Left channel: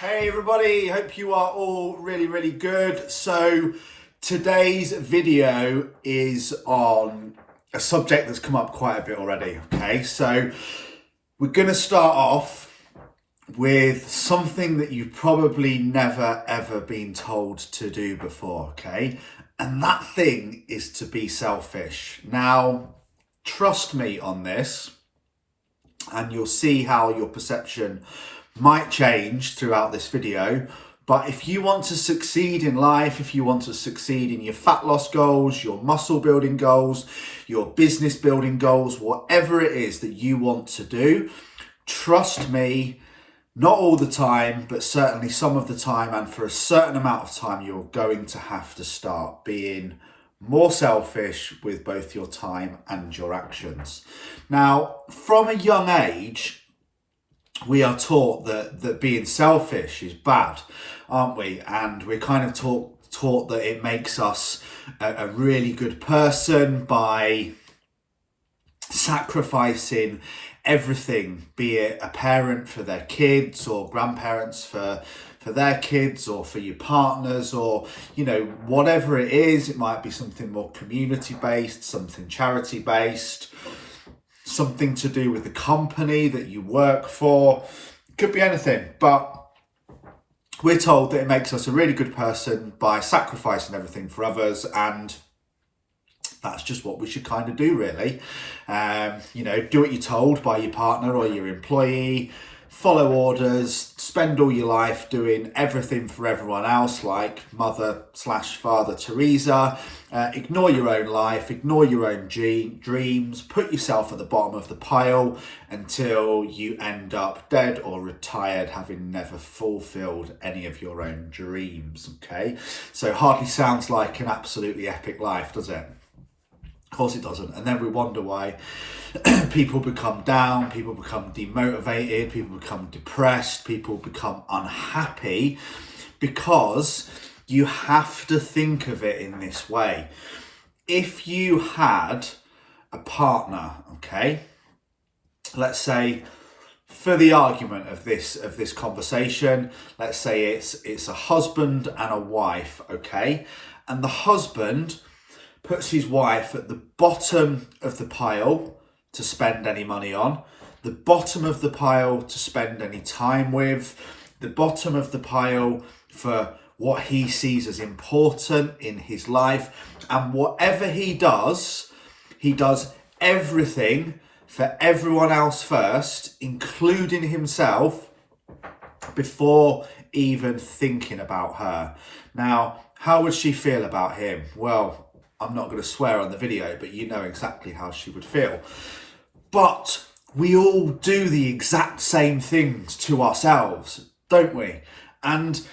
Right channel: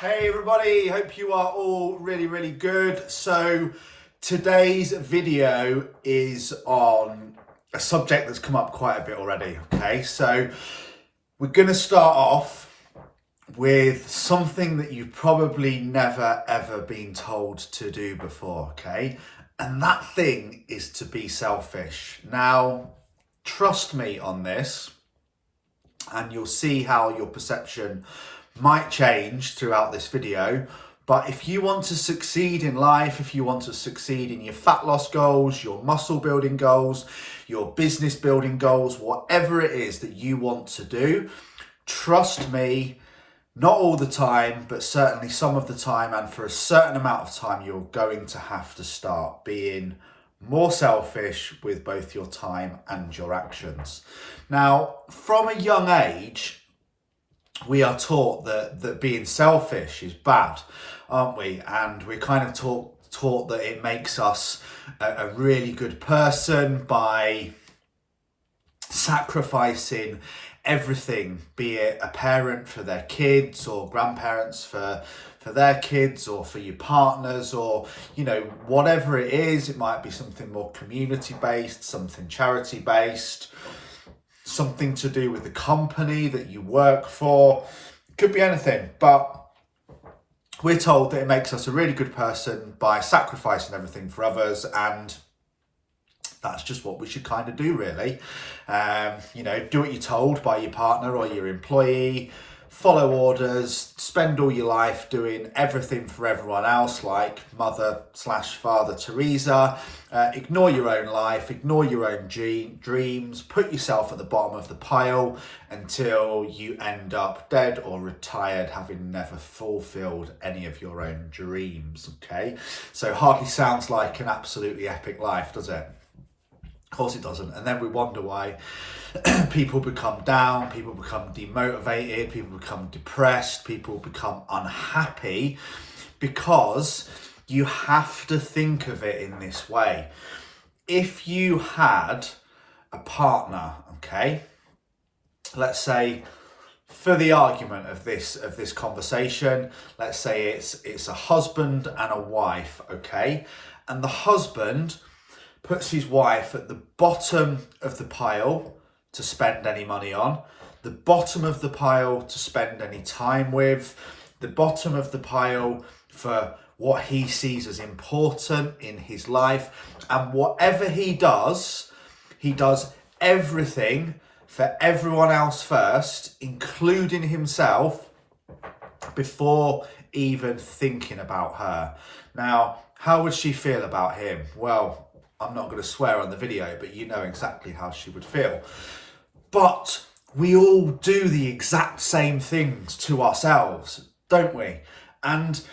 Hey everybody, hope you are all really good. So today's video is on a subject that's come up quite a bit already. Okay, so we're going to start off with something that you've probably never ever been told to do before. Okay, and that thing is to be selfish. Now trust me on this and you'll see how your perception might change throughout this video. But if you want to succeed in life, if you want to succeed in your fat loss goals, your muscle building goals, your business building goals, whatever it is that you want to do, trust me, not all the time, but certainly some of the time and for a certain amount of time, you're going to have to start being more selfish with both your time and your actions. Now, from a young age, we are taught that being selfish is bad, aren't we? And we're kind of taught that it makes us a really good person by sacrificing everything, be it a parent for their kids or grandparents for their kids or for your partners, or whatever it is. It might be something more community based, something charity based, something to do with the company that you work for. It could be anything, but we're told that it makes us a really good person by sacrificing everything for others, and that's just what we should kind of do, really. Do what you're told by your partner or your employee, follow orders, spend all your life doing everything for everyone else, like Mother/Father Teresa. Ignore your own life, ignore your own dreams, put yourself at the bottom of the pile until you end up dead or retired, having never fulfilled any of your own dreams. Okay, so hardly sounds like an absolutely epic life, does it? Of course it doesn't. And then we wonder why people become down, people become demotivated, people become depressed, people become unhappy, because you have to think of it in this way. If you had a partner, okay, let's say for the argument of this conversation, let's say it's a husband and a wife, okay, and the husband puts his wife at the bottom of the pile to spend any money on, the bottom of the pile to spend any time with, the bottom of the pile for what he sees as important in his life. And whatever he does everything for everyone else first, including himself, before even thinking about her. Now, how would she feel about him? Well, I'm not going to swear on the video, but you know exactly how she would feel. But we all do the exact same things to ourselves, don't we? And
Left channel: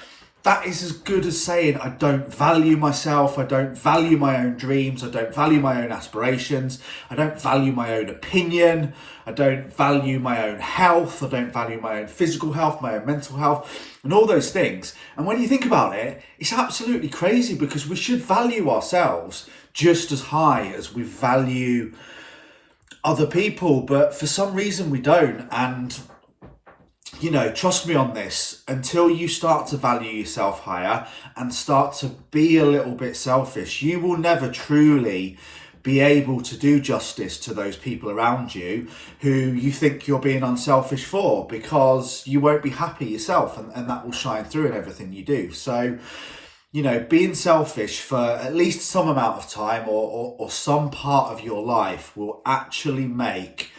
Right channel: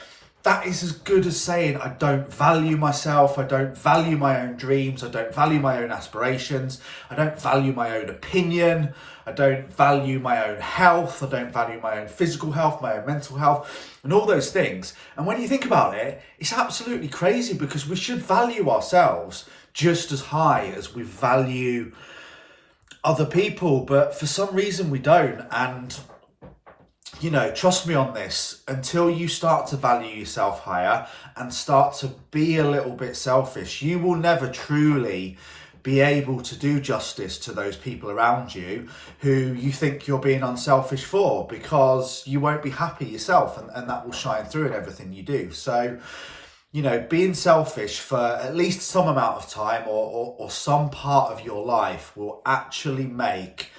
that is as good as saying, I don't value myself, I don't value my own dreams, I don't value my own aspirations, I don't value my own opinion, I don't value my own health, I don't value my own physical health, my own mental health, and all those things. And when you think about it, it's absolutely crazy, because we should value ourselves just as high as we value other people, but for some reason we don't. And trust me on this, until you start to value yourself higher and start to be a little bit selfish, you will never truly be able to do justice to those people around you who you think you're being unselfish for, because you won't be happy yourself, and that will shine through in everything you do. So, being selfish for at least some amount of time or some part of your life will actually make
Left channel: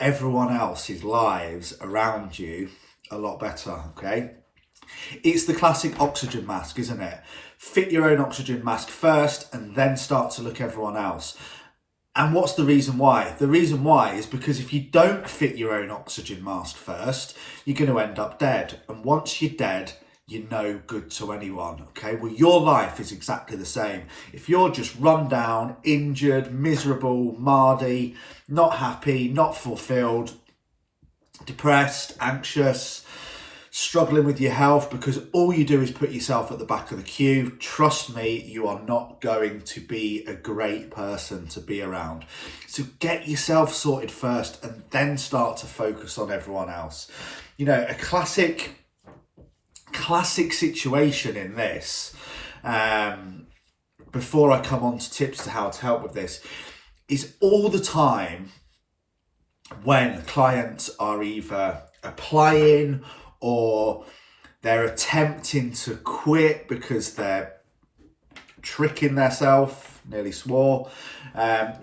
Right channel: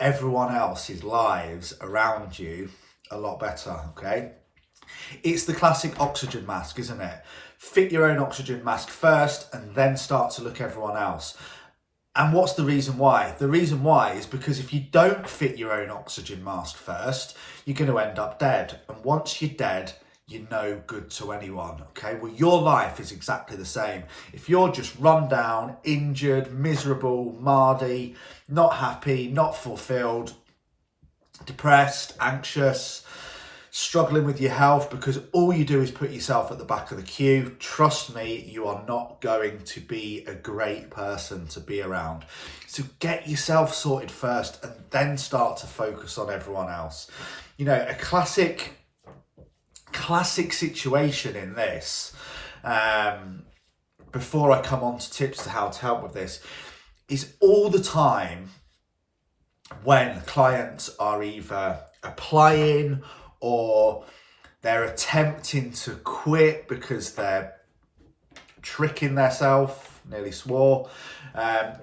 everyone else's lives around you a lot better, okay? It's the classic oxygen mask, isn't it? Fit your own oxygen mask first and then start to look at everyone else. And what's the reason why? The reason why is because if you don't fit your own oxygen mask first, you're going to end up dead. And once you're dead, you're no good to anyone, okay? Well, your life is exactly the same. If you're just run down, injured, miserable, mardy, not happy, not fulfilled, depressed, anxious, struggling with your health because all you do is put yourself at the back of the queue, trust me, you are not going to be a great person to be around. So get yourself sorted first and then start to focus on everyone else. A classic classic situation in this, before I come on to tips to how to help with this, is all the time when clients are either applying or they're attempting to quit because they're tricking themselves, nearly swore,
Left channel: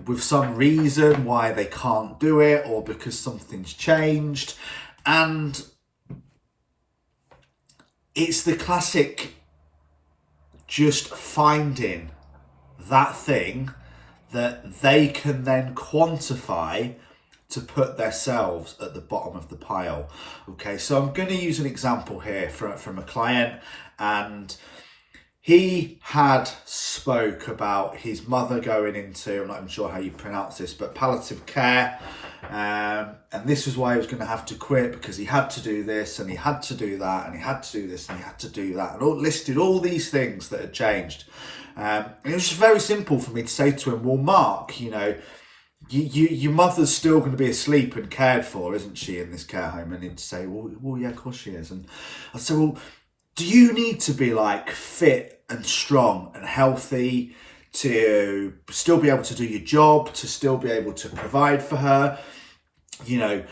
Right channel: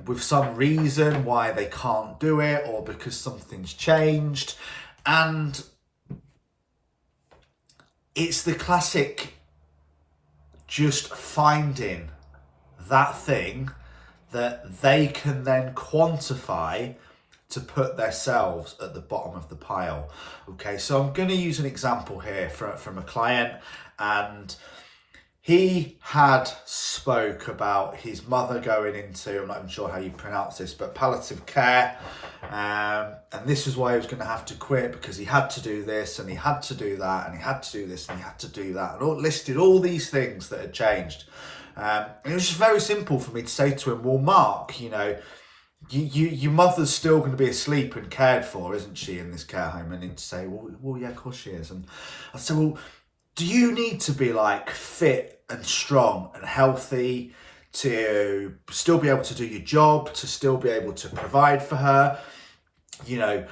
with some reason why they can't do it, or because something's changed. And it's the classic just finding that thing that they can then quantify to put themselves at the bottom of the pile. Okay, so I'm going to use an example here from a client, and he had spoke about his mother going into, I'm not even sure how you pronounce this, but palliative care. And this is why he was going to have to quit, because he had to do this and he had to do that and he had to do this and he had to do that, and all listed all these things that had changed. And it was just very simple for me to say to him, well, Mark, you know, your mother's still going to be asleep and cared for, isn't she, in this care home? And he'd say, well, yeah, of course she is. And I'd say, well, do you need to be like fit and strong and healthy to still be able to do your job, to still be able to provide for her? You know,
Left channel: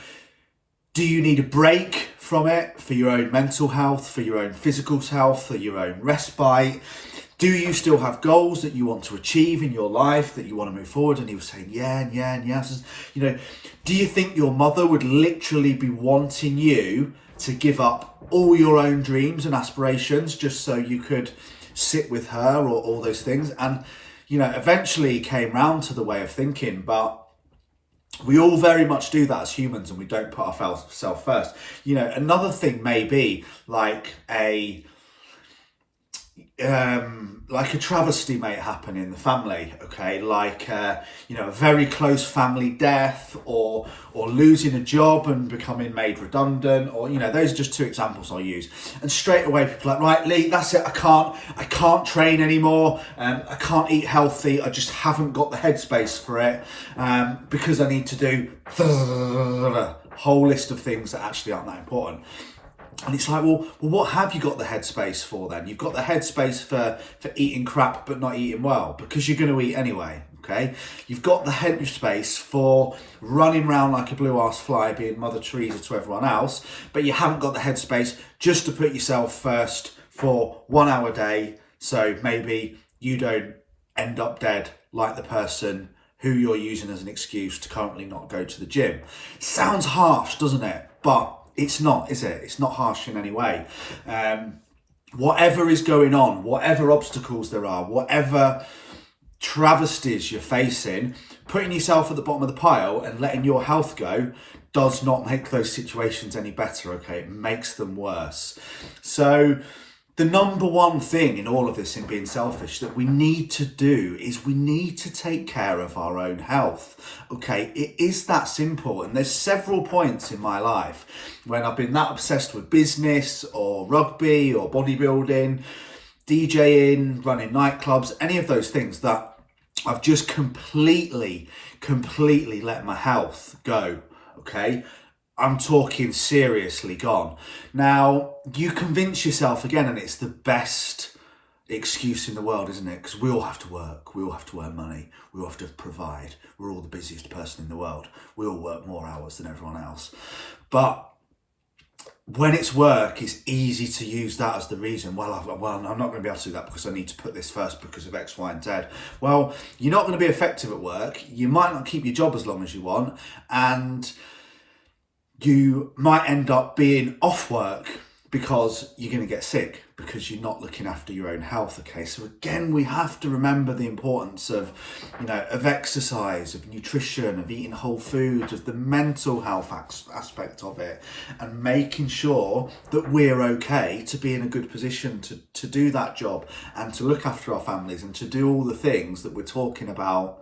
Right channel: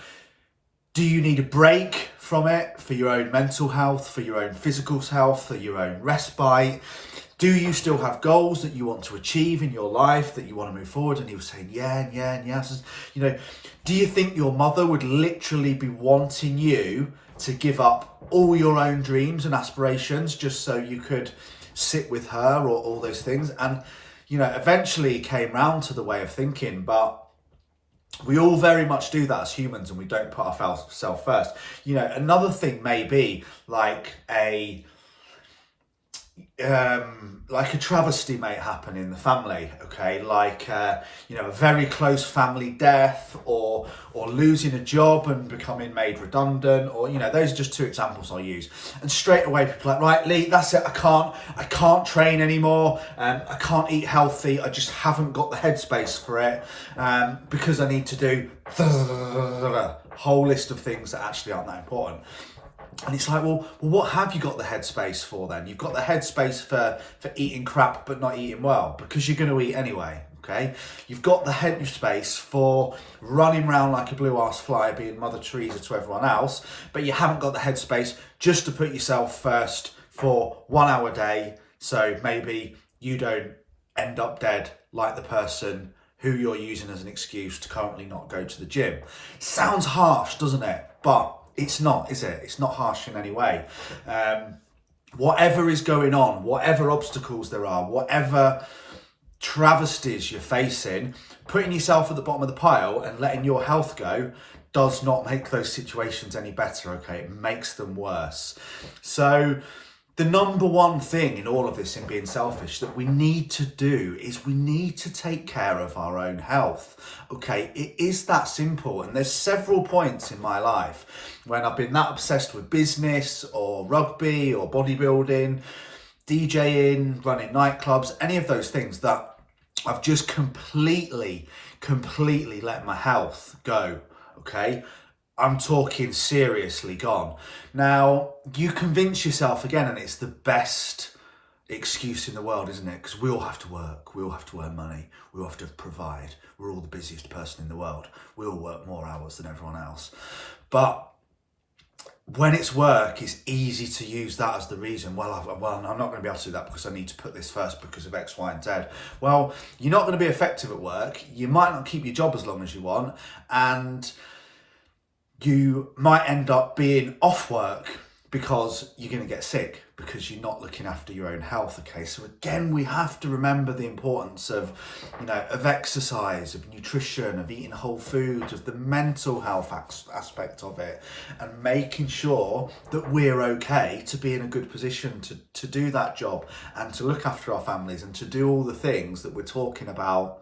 do you need a break from it for your own mental health, for your own physical health, for your own respite? Do you still have goals that you want to achieve in your life, that you want to move forward? And he was saying, yeah, and yeah, and yes. You know, do you think your mother would literally be wanting you to give up all your own dreams and aspirations just so you could sit with her, or all those things? And, you know, eventually he came round to the way of thinking, but we all very much do that as humans, and we don't put ourselves first. You know, another thing may be like a travesty may happen in the family, okay, like you know, a very close family death, or losing a job and becoming made redundant, or, you know, those are just two examples I'll use. And straight away people are like, right, Lee, that's it, I can't train anymore, I can't eat healthy, I just haven't got the headspace for it, because I need to do a whole list of things that actually aren't that important. And it's like, well, what have you got the headspace for then? You've got the headspace for eating crap but not eating well, because you're going to eat anyway, okay? You've got the headspace for running around like a blue ass fly, being Mother Teresa to everyone else, but you haven't got the headspace just to put yourself first for 1 hour a day, so maybe you don't end up dead like the person who you're using as an excuse to currently not go to the gym. Sounds harsh, doesn't it? But it's not, is it? It's not harsh in any way. Whatever is going on, whatever obstacles there are, whatever travesties you're facing, putting yourself at the bottom of the pile and letting your health go does not make those situations any better, okay? It makes them worse. So the number one thing in all of this, in being selfish, that we need to do is we need to take care of our own health. Okay, it is that simple. And there's several points in my life when I've been that obsessed with business or rugby or bodybuilding, DJing, running nightclubs, any of those things, that I've just completely let my health go. Okay, I'm talking seriously gone. Now, you convince yourself again, and it's the best excuse in the world, isn't it? Because we all have to work, we all have to earn money, we all have to provide. We're all the busiest person in the world. We all work more hours than everyone else. But when it's work, it's easy to use that as the reason. Well, I'm not going to be able to do that because I need to put this first because of X, Y, and Z. Well, you're not going to be effective at work. You might not keep your job as long as you want, and you might end up being off work because you're going to get sick because you're not looking after your own health. Okay, so again, we have to remember the importance of, you know, of exercise, of nutrition, of eating whole foods, of the mental health aspect of it, and making sure that we're okay to be in a good position to do that job and to look after our families and to do all the things that we're talking about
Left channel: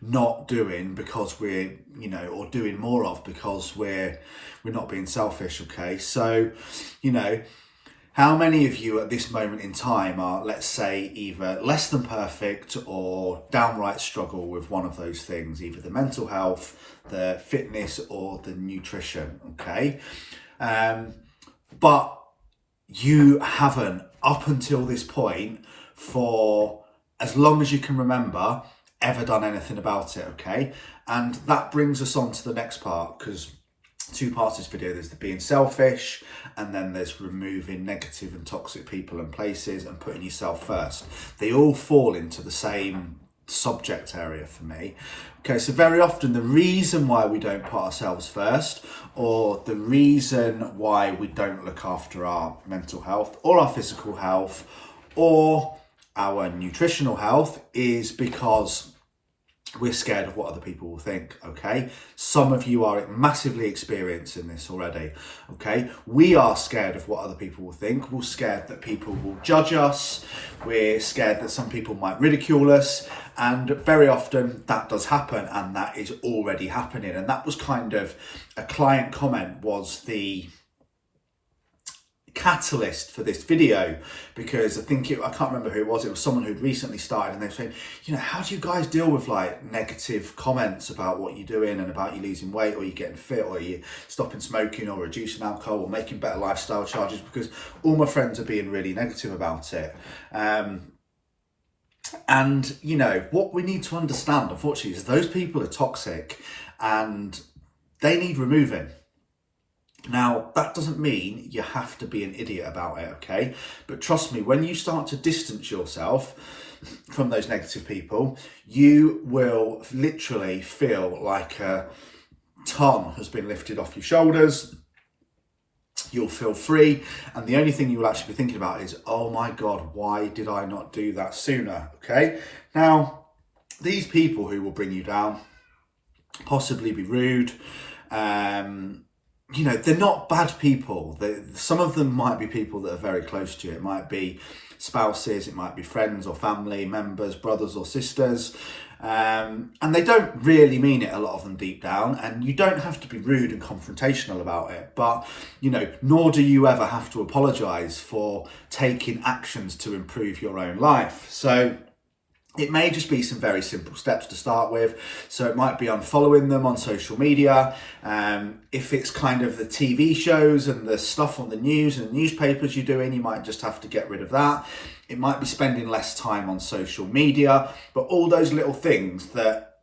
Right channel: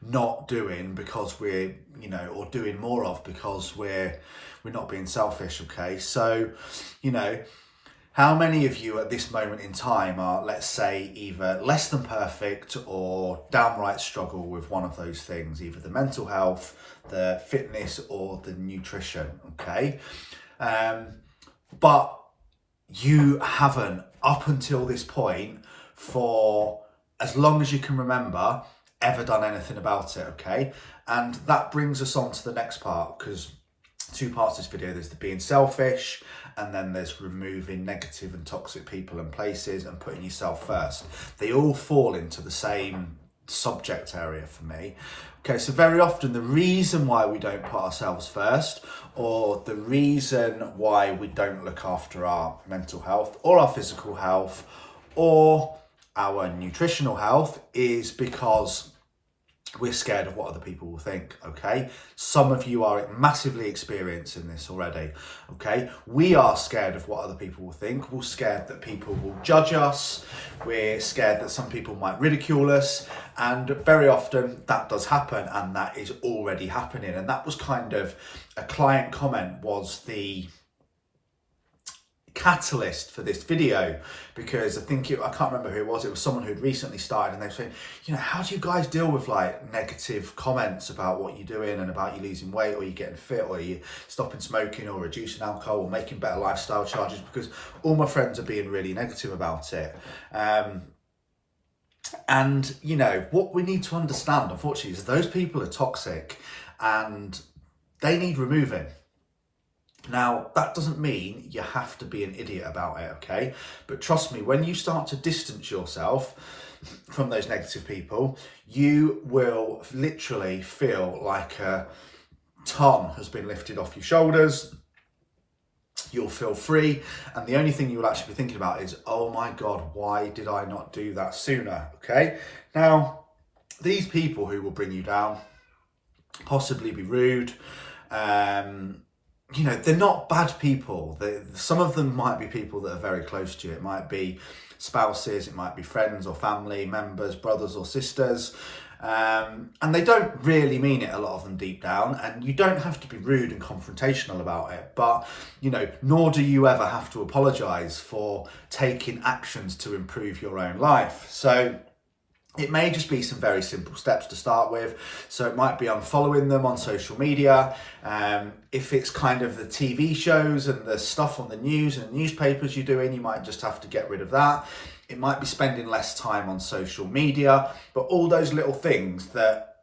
not doing because we're, you know, or doing more of because we're not being selfish. Okay, so, you know, how many of you at this moment in time are, let's say, either less than perfect or downright struggle with one of those things, either the mental health, the fitness, or the nutrition? Okay, but you haven't, up until this point, for as long as you can remember, ever done anything about it, okay? And that brings us on to the next part, because two parts of this video, there's the being selfish, and then there's removing negative and toxic people and places and putting yourself first. They all fall into the same subject area for me. Okay, so very often the reason why we don't put ourselves first, or the reason why we don't look after our mental health or our physical health or our nutritional health, is because we're scared of what other people will think, okay? Some of you are massively experiencing this already, okay? We are scared of what other people will think. We're scared that people will judge us. We're scared that some people might ridicule us. And very often that does happen, and that is already happening. And that was kind of a client comment, was the catalyst for this video, because I can't remember who it was someone who'd recently started, and they were saying, how do you guys deal with like negative comments about what you're doing and about you losing weight, or you getting fit, or you stopping smoking, or reducing alcohol, or making better lifestyle charges, because all my friends are being really negative about it. And what we need to understand, unfortunately, is those people are toxic and they need removing. Now, that doesn't mean you have to be an idiot about it, okay? But trust me, when you start to distance yourself from those negative people, you will literally feel like a ton has been lifted off your shoulders. You'll feel free, and the only thing you will actually be thinking about is, oh my God, why did I not do that sooner, okay? Now, these people who will bring you down, possibly be rude, they're not bad people. Some of them might be people that are very close to you. It might be spouses, it might be friends or family members, brothers or sisters. And they don't really mean it, a lot of them, deep down. And you don't have to be rude and confrontational about it. But, nor do you ever have to apologise for taking actions to improve your own life. So it may just be some very simple steps to start with. So it might be unfollowing them on social media. If it's kind of the TV shows and the stuff on the news and the newspapers you're doing, you might just have to get rid of that. It might be spending less time on social media, but all those little things that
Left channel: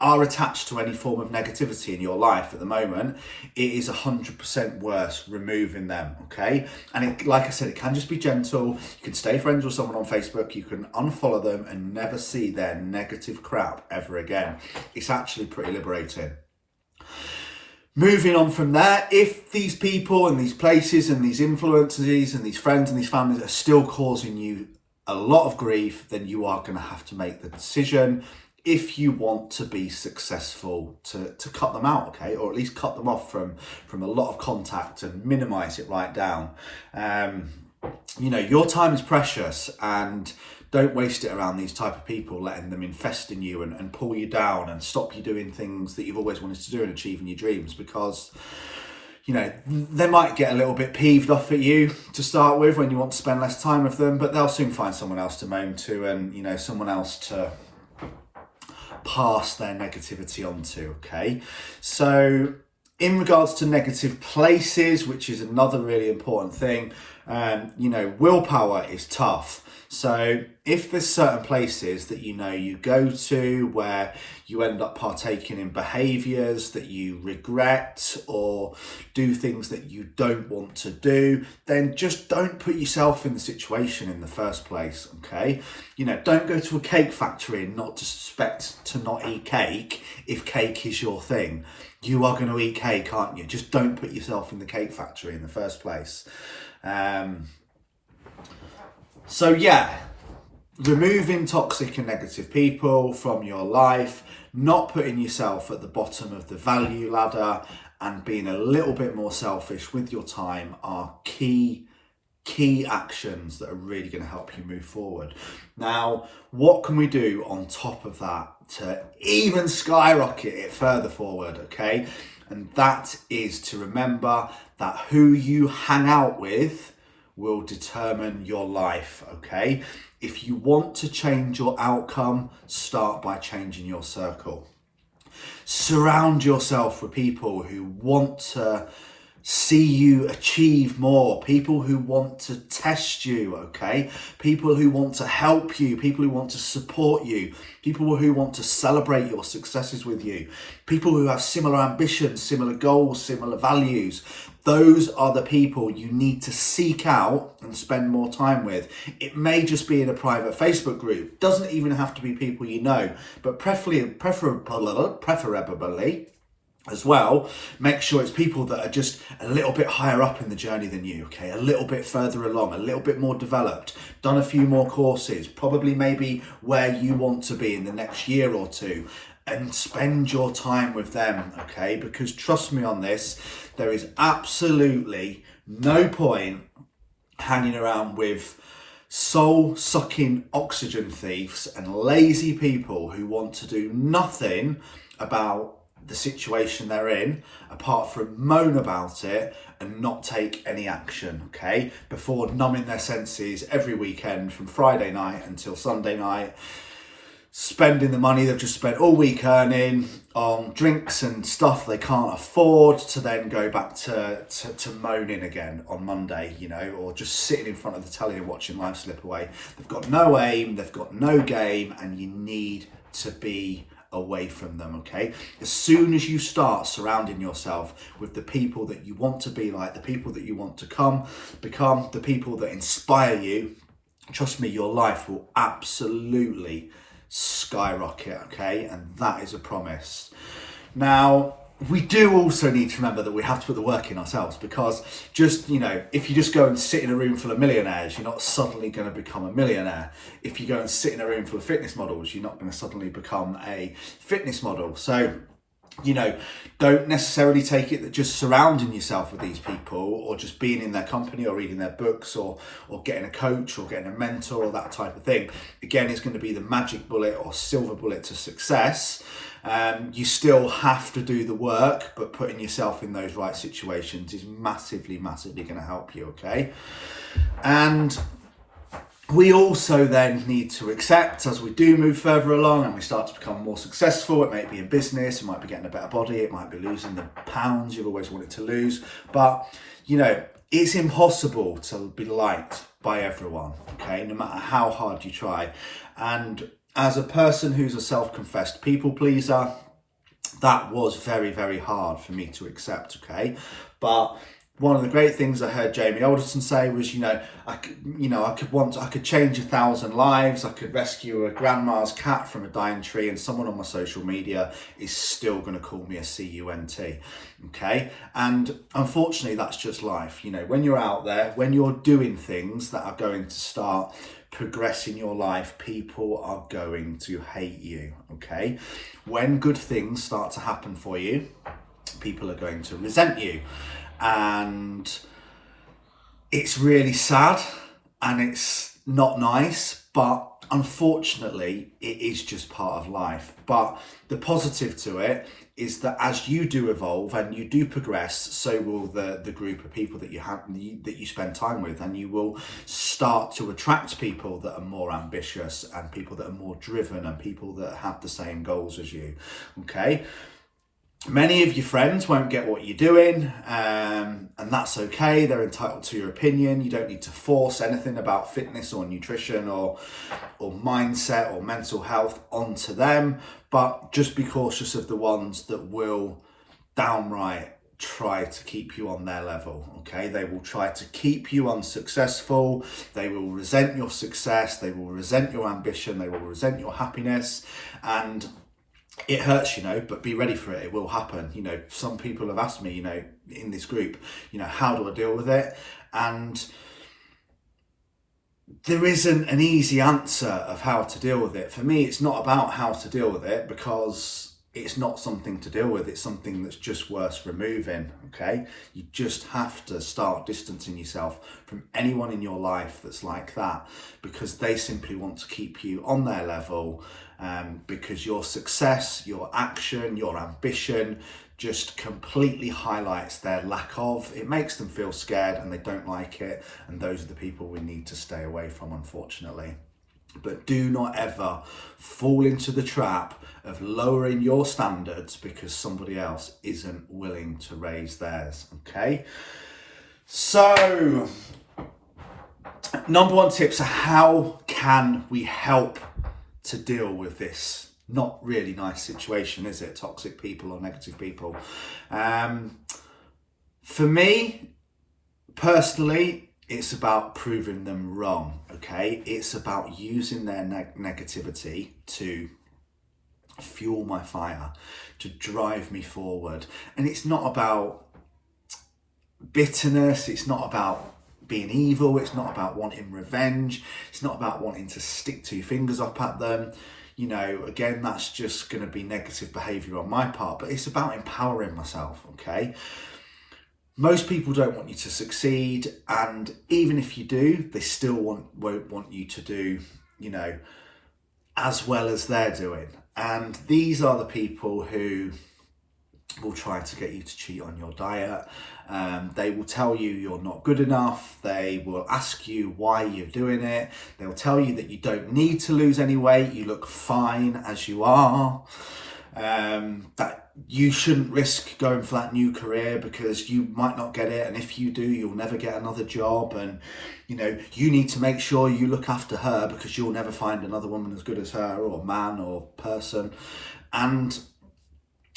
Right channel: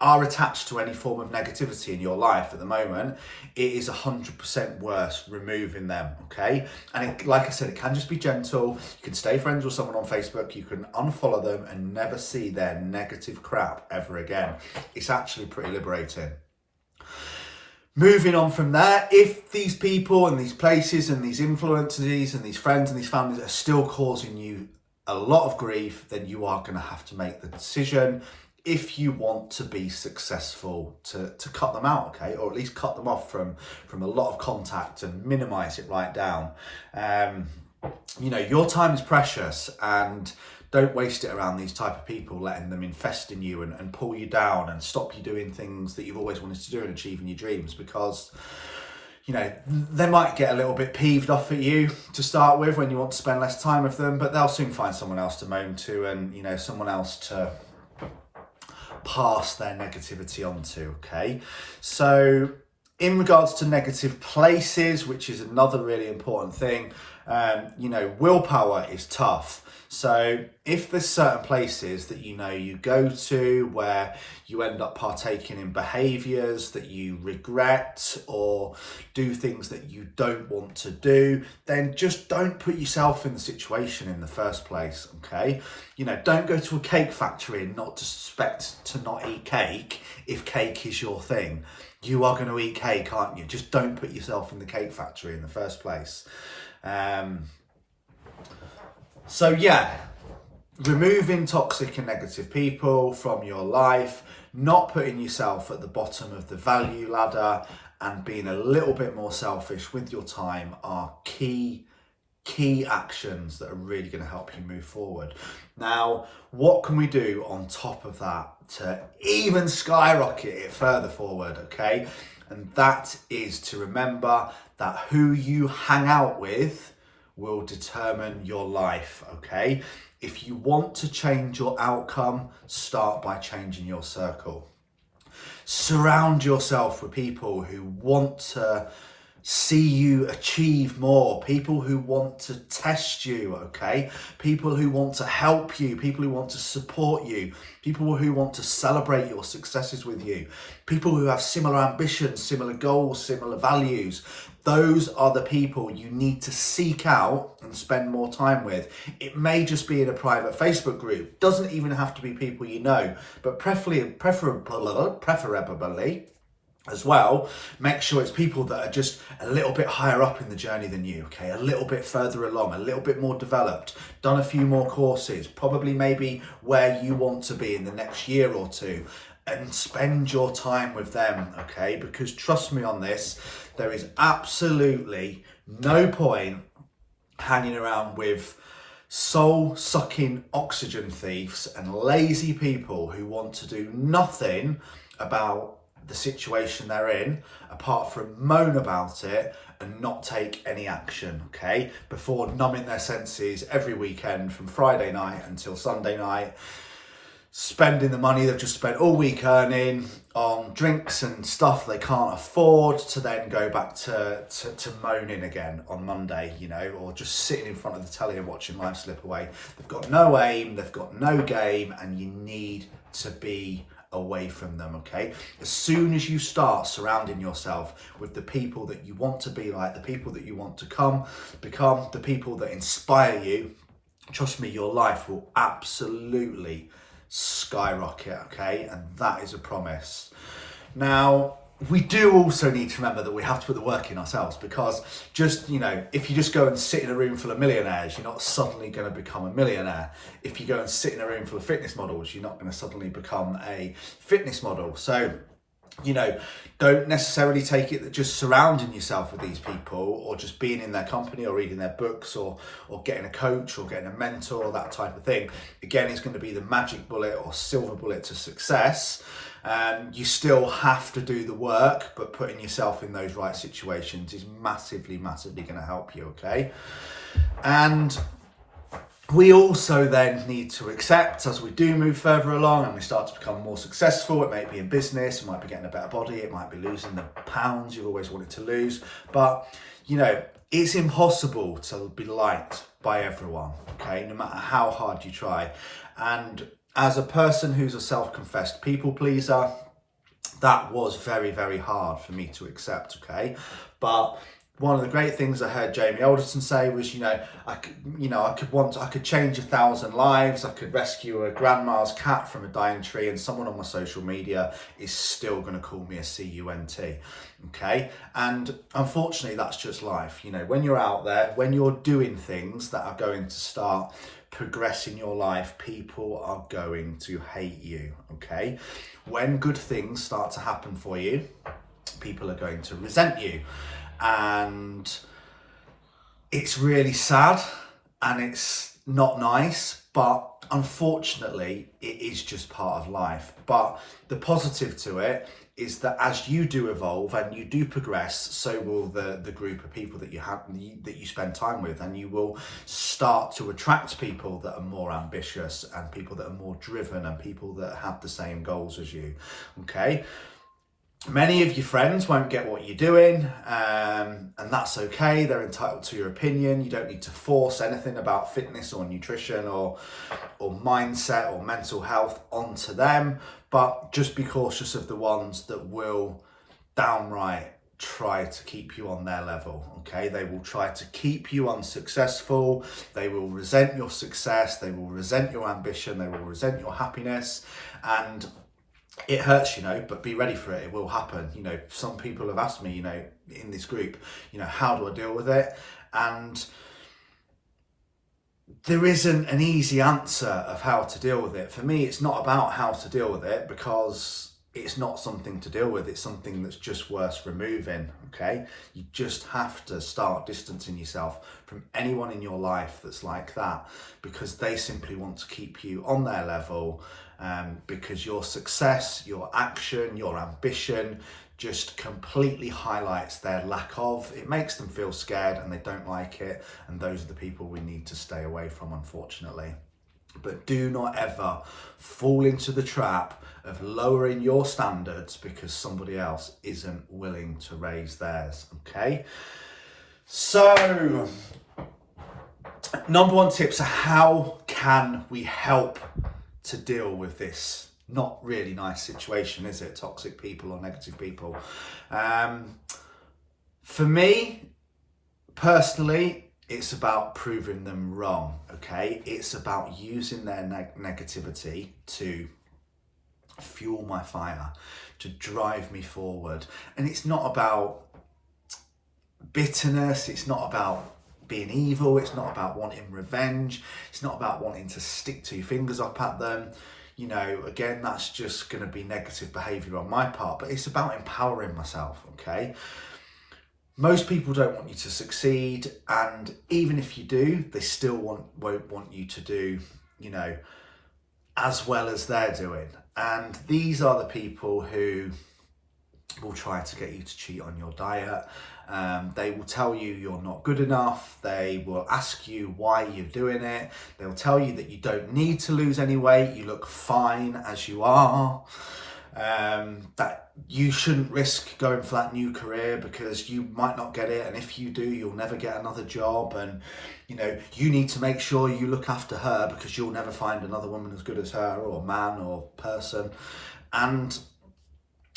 are attached to any form of negativity in your life at the moment, it is 100% worth removing them, okay? And like I said, it can just be gentle. You can stay friends with someone on Facebook, you can unfollow them and never see their negative crap ever again. It's actually pretty liberating. Moving on from there, if these people and these places and these influences and these friends and these families are still causing you a lot of grief, then you are going to have to make the decision, if you want to be successful, to cut them out, okay? Or at least cut them off from a lot of contact and minimize it right down. Your time is precious, and don't waste it around these type of people, letting them infest in you and pull you down and stop you doing things that you've always wanted to do and achieving your dreams, because they might get a little bit peeved off at you to start with when you want to spend less time with them, but they'll soon find someone else to moan to, and someone else to pass their negativity onto, okay? So in regards to negative places, which is another really important thing, willpower is tough. So if there's certain places that you go to where you end up partaking in behaviours that you regret, or do things that you don't want to do, then just don't put yourself in the situation in the first place, okay? Don't go to a cake factory and not expect to not eat cake if cake is your thing. You are going to eat cake, aren't you? Just don't put yourself in the cake factory in the first place. So yeah, removing toxic and negative people from your life, not putting yourself at the bottom of the value ladder, and being a little bit more selfish with your time are key actions that are really going to help you move forward. Now, what can we do on top of that to even skyrocket it further forward, okay? And that is to remember that who you hang out with will determine your life, okay? If you want to change your outcome, start by changing your circle. Surround yourself with people who want to see you achieve more, people who want to test you, okay? People who want to help you, people who want to support you, people who want to celebrate your successes with you, people who have similar ambitions, similar goals, similar values. Those are the people you need to seek out and spend more time with. It may just be in a private Facebook group. Doesn't even have to be people you know, but preferably as well, make sure it's people that are just a little bit higher up in the journey than you, okay? A little bit further along, a little bit more developed, done a few more courses, probably maybe where you want to be in the next year or two, and spend your time with them, okay? Because trust me on this, there is absolutely no point hanging around with soul-sucking oxygen thieves and lazy people who want to do nothing about the situation they're in apart from moan about it and not take any action, okay? Before numbing their senses every weekend from Friday night until Sunday night, spending the money they've just spent all week earning on drinks and stuff they can't afford, to then go back to moaning again on Monday, you know, or just sitting in front of the telly and watching life slip away. They've got no aim, they've got no game, and you need to be away from them, okay? As soon as you start surrounding yourself with the people that you want to be like, the people that you want to become, the people that inspire you, trust me, your life will absolutely skyrocket, okay? And that is a promise. Now, we do also need to remember that we have to put the work in ourselves, because just, you know, if you just go and sit in a room full of millionaires, you're not suddenly going to become a millionaire. If you go and sit in a room full of fitness models, you're not going to suddenly become a fitness model. So, you know, don't necessarily take it that just surrounding yourself with these people, or just being in their company, or reading their books, or getting a coach, or getting a mentor, or that type of thing, again, is going to be the magic bullet or silver bullet to success. You still have to do the work, but putting yourself in those right situations is massively going to help you, okay? And we also then need to accept, as we do move further along and we start to become more successful, it might be in business, it might be getting a better body, it might be losing the pounds you've always wanted to lose, but, you know, it's impossible to be liked by everyone, okay, no matter how hard you try. And as a person who's a self-confessed people pleaser, that was very hard for me to accept, okay? But one of the great things I heard Jamie Alderson say was, I could change 1,000 lives, I could rescue a grandma's cat from a dying tree, and someone on my social media is still going to call me a cunt, okay? And unfortunately, that's just life. You know, when you're out there, when you're doing things that are going to start progressing your life, people are going to hate you, okay? When good things start to happen for you, people are going to resent you. And it's really sad and it's not nice, but unfortunately it is just part of life. But the positive to it is that as you do evolve and you do progress, so will the group of people that you spend time with, and you will start to attract people that are more ambitious, and people that are more driven, and people that have the same goals as you, okay? Many of your friends won't get what you're doing, and that's okay. They're entitled to your opinion. You don't need to force anything about fitness or nutrition or mindset or mental health onto them, but just be cautious of the ones that will downright try to keep you on their level, okay? They will try to keep you unsuccessful. They will resent your success. They will resent your ambition. They will resent your happiness, and it hurts, but be ready for it. It will happen. Some people have asked me, in this group, how do I deal with it? And there isn't an easy answer of how to deal with it. For me, it's not about how to deal with it, because it's not something to deal with. It's something that's just worth removing, okay? You just have to start distancing yourself from anyone in your life that's like that, because they simply want to keep you on their level, because your success, your action, your ambition just completely highlights their lack of. It makes them feel scared and they don't like it. And those are the people we need to stay away from, unfortunately. But do not ever fall into the trap of lowering your standards because somebody else isn't willing to raise theirs, okay? So, number one tips are how can we help to deal with this not really nice situation, is it? Toxic people or negative people. For me, personally, it's about proving them wrong, okay? It's about using their negativity to fuel my fire, to drive me forward. And it's not about bitterness, it's not about being evil, it's not about wanting revenge, it's not about wanting to stick two fingers up at them. You know, again, that's just going to be negative behavior on my part, but it's about empowering myself, okay? Most people don't want you to succeed, and even if you do, they still won't want you to do, you know, as well as they're doing. And these are the people who will try to get you to cheat on your diet. They will tell you you're not good enough. They will ask you why you're doing it. They'll tell you that you don't need to lose any weight. You look fine as you are. That you shouldn't risk going for that new career because you might not get it, and if you do, you'll never get another job, and you know, you need to make sure you look after her because you'll never find another woman as good as her, or man or person. And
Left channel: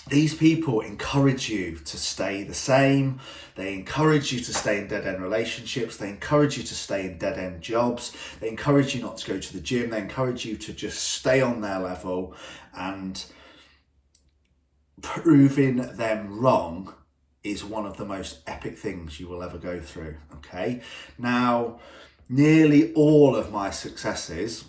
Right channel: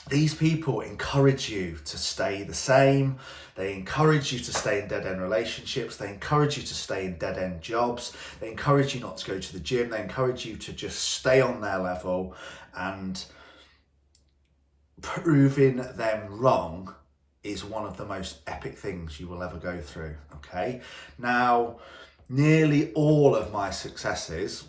these people encourage you to stay the same. They encourage you to stay in dead-end relationships. They encourage you to stay in dead-end jobs. They encourage you not to go to the gym. They encourage you to just stay on their level, and proving them wrong is one of the most epic things you will ever go through, okay? Now, nearly all of my successes,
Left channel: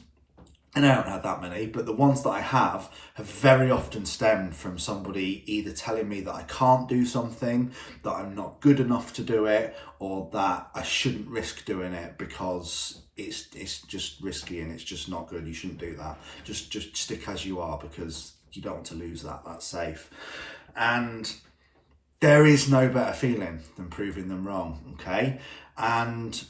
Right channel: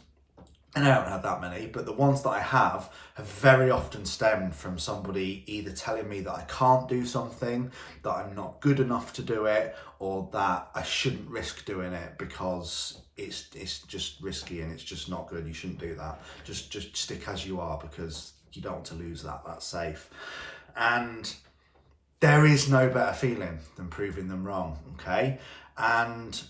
and I haven't had that many, but the ones that I have very often stemmed from somebody either telling me that I can't do something, that I'm not good enough to do it, or that I shouldn't risk doing it because it's just risky and it's just not good. You shouldn't do that. Just stick as you are because you don't want to lose that. That's safe. And there is no better feeling than proving them wrong, okay? And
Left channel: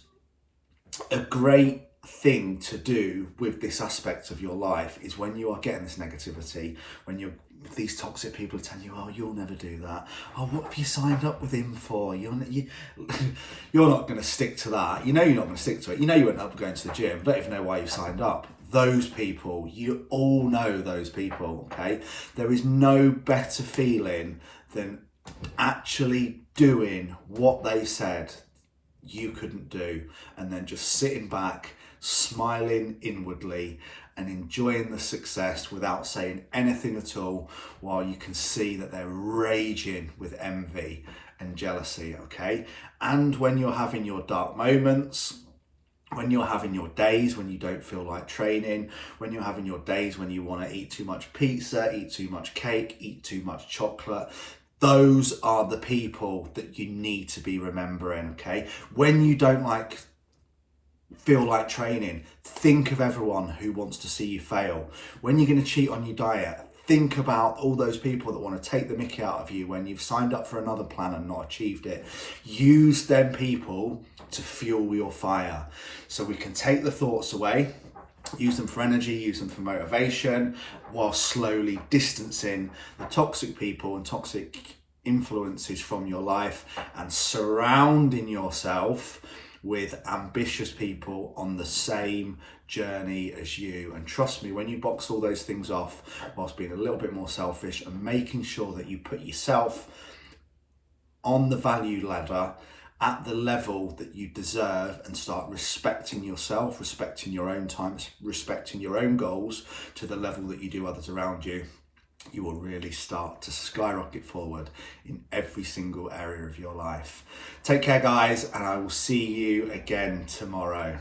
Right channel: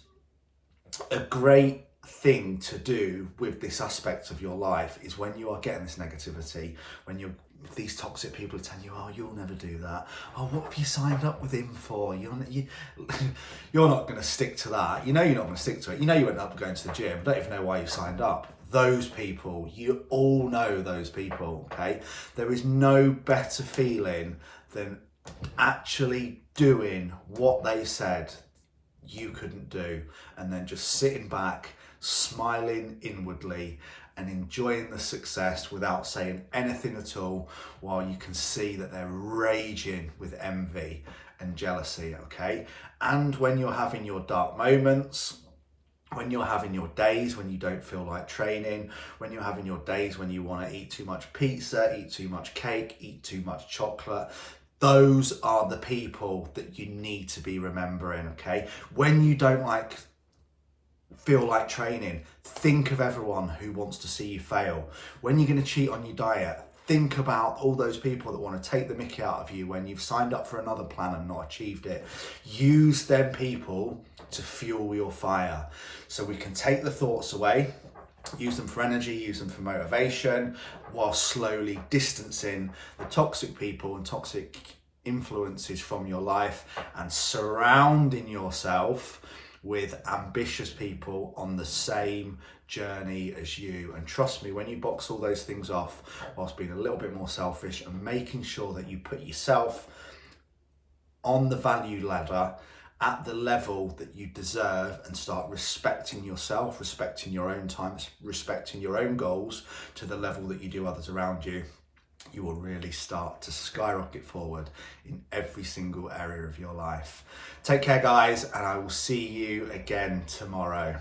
a great thing to do with this aspect of your life is when you are getting this negativity, when these toxic people are telling you, oh, you'll never do that. Oh, what have you signed up with him for? You're not going to stick to that. You know you're not going to stick to it. You know you won't end up going to the gym. Don't even know why you signed up. Those people, you all know those people, okay? There is no better feeling than actually doing what they said you couldn't do, and then just sitting back, smiling inwardly and enjoying the success without saying anything at all, while you can see that they're raging with envy and jealousy, okay? And when you're having your dark moments, when you're having your days when you don't feel like training, when you're having your days when you want to eat too much pizza, eat too much cake, eat too much chocolate, those are the people that you need to be remembering, okay? When you don't feel like training, think of everyone who wants to see you fail. When you're going to cheat on your diet, think about all those people that want to take the mickey out of you when you've signed up for another plan and not achieved it. Use them people to fuel your fire. So we can take the thoughts away, use them for energy, use them for motivation, while slowly distancing the toxic people and toxic influences from your life, and surrounding yourself with ambitious people on the same journey as you. And trust me, when you box all those things off whilst being a little bit more selfish and making sure that you put yourself on the value ladder at the level that you deserve, and start respecting yourself, respecting your own time, respecting your own goals to the level that you do others around you, you will really start to skyrocket forward in every single area of your life. Take care, guys, and I will see you again tomorrow.